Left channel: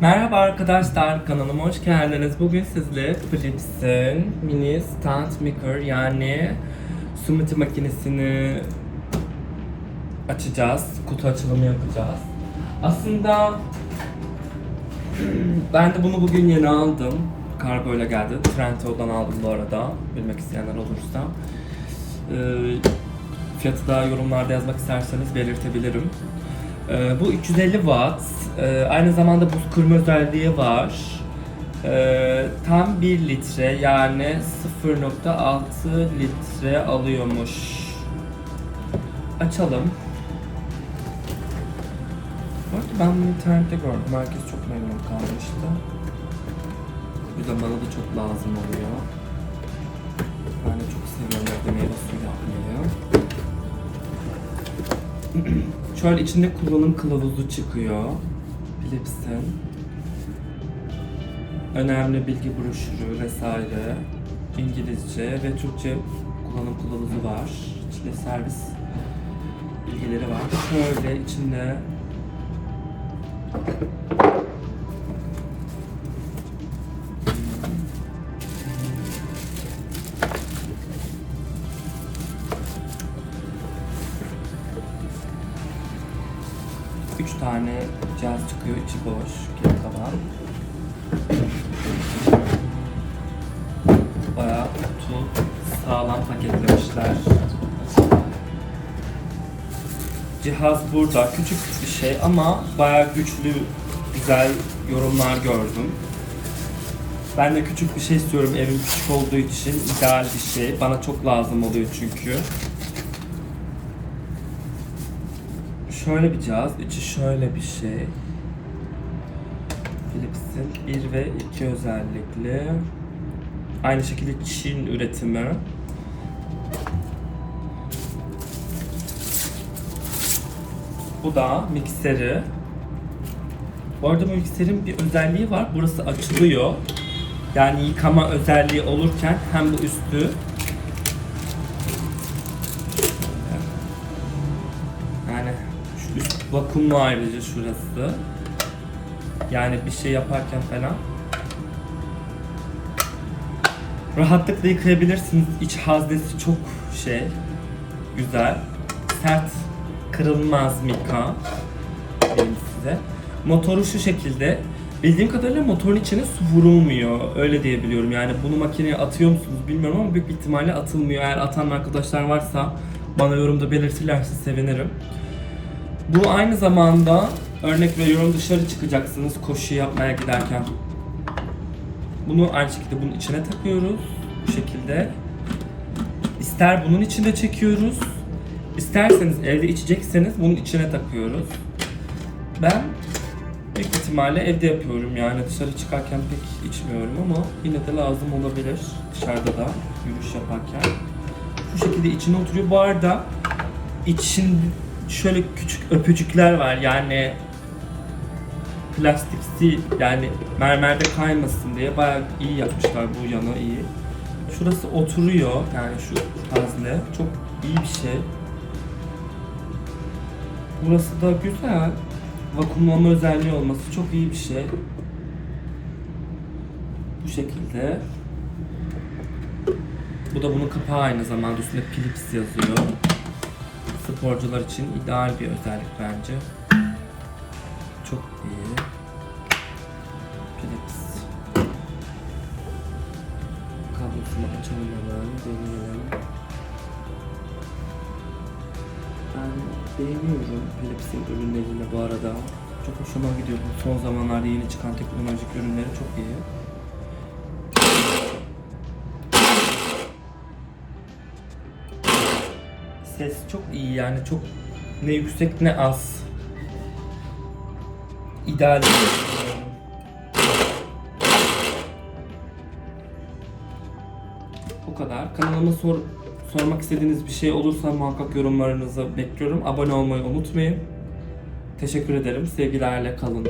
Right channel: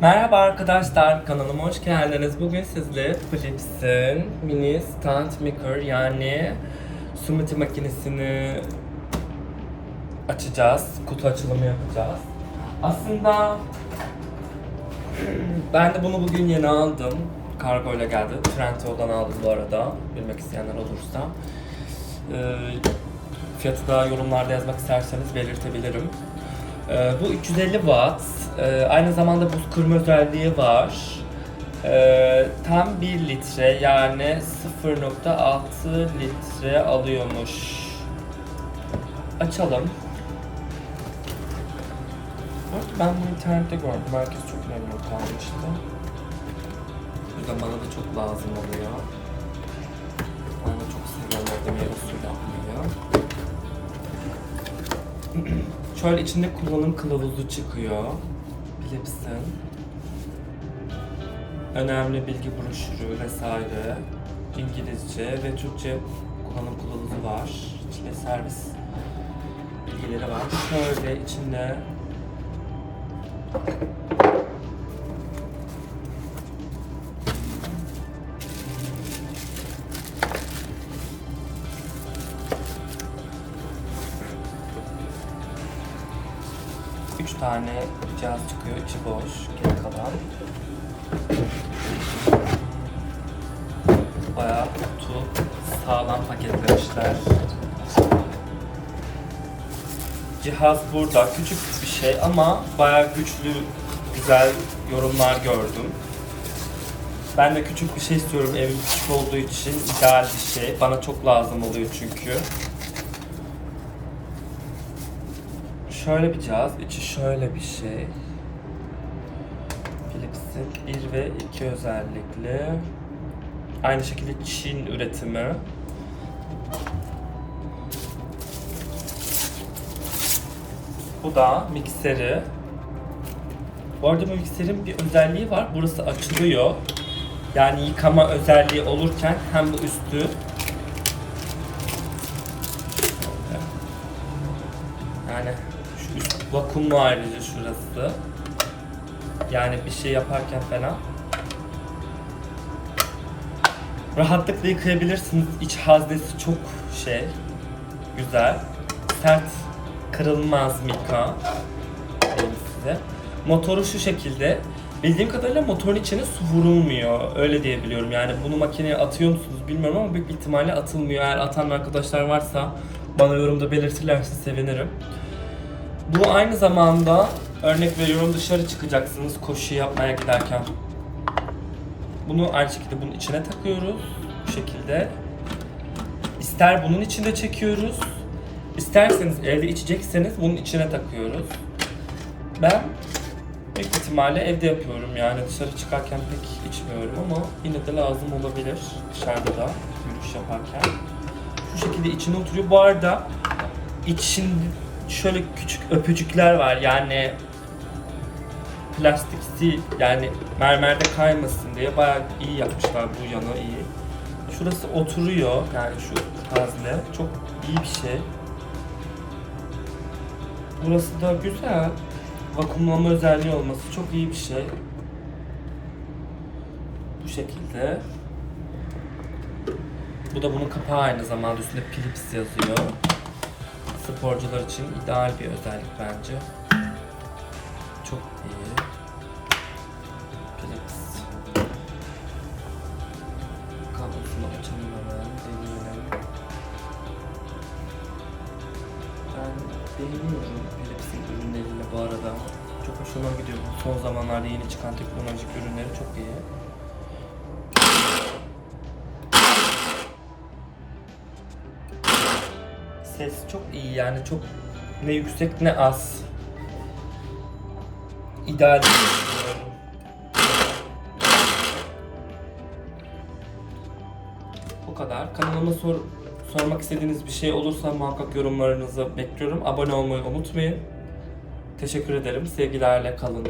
Merhaba arkadaşlar, kanalıma hoş geldiniz. Bugün sizle Philips'in mini stand maker yani smoothie makinesini açacağız. Kutu açılımı yapacağız. Aslında ben de bunu bugün yeni aldım. Kargo ile geldi. Trendyol'dan aldım bu arada. Bilmek isteyenler olursa. Ee, fiyatı da yorumlarda yazmak isterseniz belirtebilirim. Ee, bu 350 watt. Ee, aynı zamanda buz kırma özelliği var. Ee, tam 1 litre yani 0.6 litre alıyormuş. Açalım. Bak ben bunu internette gördüm. Herkes çok memnun kalmıştı. Bu da bana da çok lazım oluyor. De çok seviyorum Şöyle içinde kullanım kılavuzu çıkıyor. Philips'in. Önemli bilgi broşürü vesaire. İngilizce ve Türkçe kullanım kılavuzu var. İçinde servis bilgileri var. Şöyle içinde üç tane cihaz çıkıyor. içi boş. Geri kalan. Bayağı kutu sağlam paketlemişler. Cihaz burada. Küçük bir şey ama bayağı güçlü, güzel yorumlar gördüm. Ben de küçük bir şey istiyorum evim küçük olduğu için ideal bir şey. Bana çok lazım oluyor çünkü. Şöyle bir cihaz, içi şöyle bir şey. Philips'in 1 ve 2 özellikli. Aynı şekilde Çin üretimi. Bu da mikseri. Bu arada bu mikserin bir özelliği var. Burası açılıyor. Yani yıkama özelliği olurken hem de üstü vakumlu ayrıca şurası. Yani bir şey yaparken falan. Rahatlıkla yıkayabilirsiniz. İç haznesi çok şey, güzel. Sert, kırılmaz. Diyeyim size. Motoru şu şekilde. Bildiğim kadarıyla motorun içine su vurulmuyor. Öyle diyebiliyorum. Yani bunu makineye atıyor musunuz bilmiyorum ama büyük ihtimalle atılmıyor. Eğer atan arkadaşlar varsa bana yorumda belirtirlerse sevinirim. Bu aynı zamanda örnek veriyorum dışarı çıkacaksınız koşu yapmaya giderken. Bunu aynı şekilde bunun içine takıyoruz. Bu şekilde. İster bunun içinde çekiyoruz. isterseniz evde içecekseniz bunun içine takıyoruz. Ben büyük ihtimalle evde yapıyorum yani dışarı çıkarken pek içmiyorum ama yine de lazım olabilir dışarıda da yürüyüş yaparken. Şu şekilde içine oturuyor. Bu arada için şöyle küçük öpücükler var yani plastikti yani mermerde kaymasın diye bayağı iyi yapmışlar bu yana iyi. Şurası oturuyor yani şu gazle çok iyi bir şey. Burası da güzel. Vakumlama özelliği olması çok iyi bir şey. Bu şekilde. Bu da bunun kapağı aynı zamanda üstünde Philips yazıyor sporcular için ideal bir özellik bence. Çok iyi. Philips. Kablosunu açalım hemen, deneyelim. Ben beğeniyorum Philips'in ürünlerini bu arada. Çok hoşuma gidiyor son zamanlarda yeni çıkan teknolojik ürünleri çok iyi. Ses çok iyi yani çok ne yüksek ne az. İdeal. Bu kadar. Kanalıma sor, sormak istediğiniz bir şey olursa muhakkak yorumlarınızı bekliyorum. Abone olmayı unutmayın. Teşekkür ederim. Sevgilerle kalın.